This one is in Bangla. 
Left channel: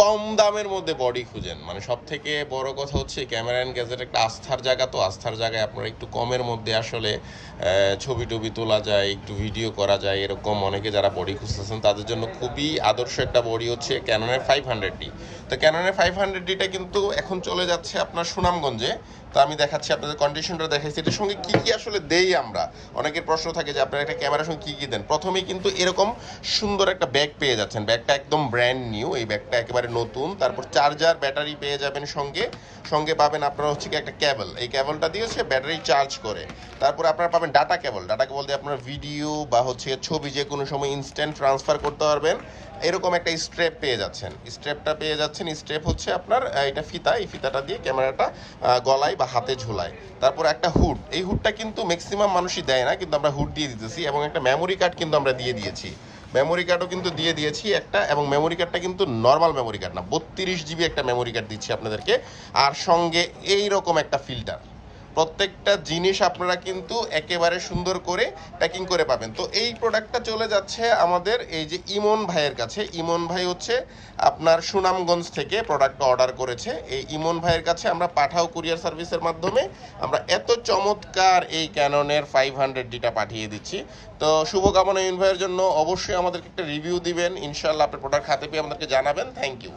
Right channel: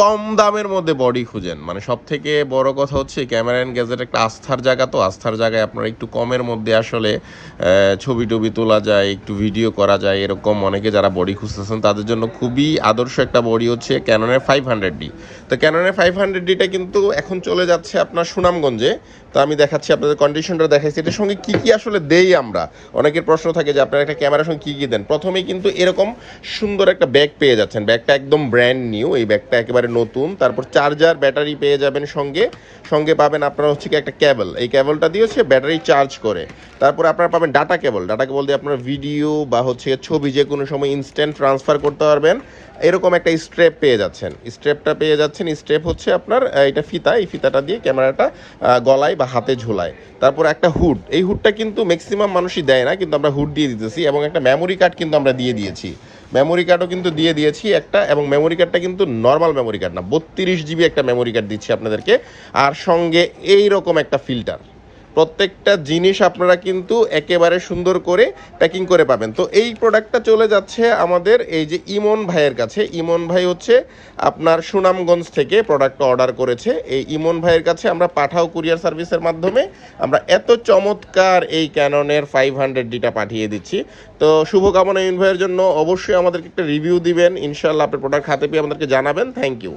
কম দামের মধ্যে বডি খুঁজেন, মানে সব থেকে বড় কথা হচ্ছে ক্যামেরা অ্যান্ড গ্যাজেট একটা আস্থার জায়গা, তো আস্থার জায়গায় আপনারা একটু কমের মধ্যে আসলে ছবি টবি তোলা যায়, একটু ভিডিও করা যায়, এরকম অনেকে যারা বডি খুঁজতেছেন তাদের জন্য খুবই আদর্শ একটা বডি হচ্ছে ক্যাননের 500D। তো ক্যাননের 500Dটা কিন্তু এখন চলে যাচ্ছে আপনার সুনামগঞ্জে। তো আমি দেখাচ্ছি আপনাদের, কন্ডিশনটা দেখাচ্ছি, এটার সঙ্গে কী কী আসলে দেই আমরা। অনেকের প্রশ্ন থাকে যে আপনারা একটা ক্যামেরার সঙ্গে কী কী দেন। প্রথমেই কিন্তু এরকম সুন্দর একটা ব্যাগ পেয়ে যাচ্ছেন, ব্যাগটা একদম ব্র্যান্ড নিউ, এই ব্যাগটা একেবারে নতুন। তারপর চার্জার ব্যাটারি পেয়ে যাবেন সঙ্গে, সঙ্গে পাবেন আপনারা হচ্ছে কি একটা কেবল, এই কেবলটা দিয়ে হচ্ছে ব্যাটারি চার্জ করে। তারপর আপনারা পাবেন ডাটা কেবল, ডাটা কেবল দিয়ে আপনারা ভিডিও বা হচ্ছে ছবি যে কোনো সময় ইনস্ট্যান্ট ট্রান্সফার করতে পারবেন। এরকম একটা স্ট্রেপ পেয়ে যাচ্ছেন, স্ট্রেপটা পেয়ে যাচ্ছেন। স্ট্রেপ হচ্ছে আপনার এটা ফিতা, এই ফিতাটা দিয়ে ক্যামেরাটা গলায় বা হাতে ঝোলায়। তারপর একটা হুড, এই হুডটা কিন্তু ম্যাক্সিমাম মানুষই দেয় না, কিন্তু আমরা হুড দিয়ে দিতেছি। এবং একটা মেমোরি কার্ড কিন্তু আমরা দিয়ে দিয়েছি, মেমোরি কার্ডও কিন্তু দিয়ে দিয়েছি একটা। এবং মেমোরি কার্ডটা কিন্তু নর্মাল মেমোরি কার্ড না, 32 GB একটা মেমোরি কার্ড দিচ্ছি আপনাদেরকে। আর সঙ্গে এই রকম একটা ফিল্টার। প্রত্যেকটা জিনিস আপনারা কিন্তু একেবারে সুন্দর করে প্যাকিং করে পাবেন। তো এই প্রোডাক্টটা চলে যাচ্ছে আমাদের এই যে ইমন ভাইয়ের কাছে। ইমন ভাই হচ্ছে আপনার সুনামগঞ্জ থেকে প্রোডাক্টটা অর্ডার করেছে। এই ইমন ভাইয়ের কাছে আমরা পাঠাও কুরিয়ার সার্ভিসের মাধ্যমে আমরা এত চমৎকার এই ক্যাননের 500Dটা পাঠিয়ে দিচ্ছি। তো শুভকামনা ইমন ভাইয়ের জন্য। অবশ্যই আমাদেরকে একটা রিভিউ দিবেন, ইনশাআল্লাহ আপনার প্রোডাক্ট হাতে পেয়ে আমাদেরকে জানাবেন। Thank you.